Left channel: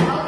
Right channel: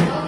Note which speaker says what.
Speaker 1: Thank you.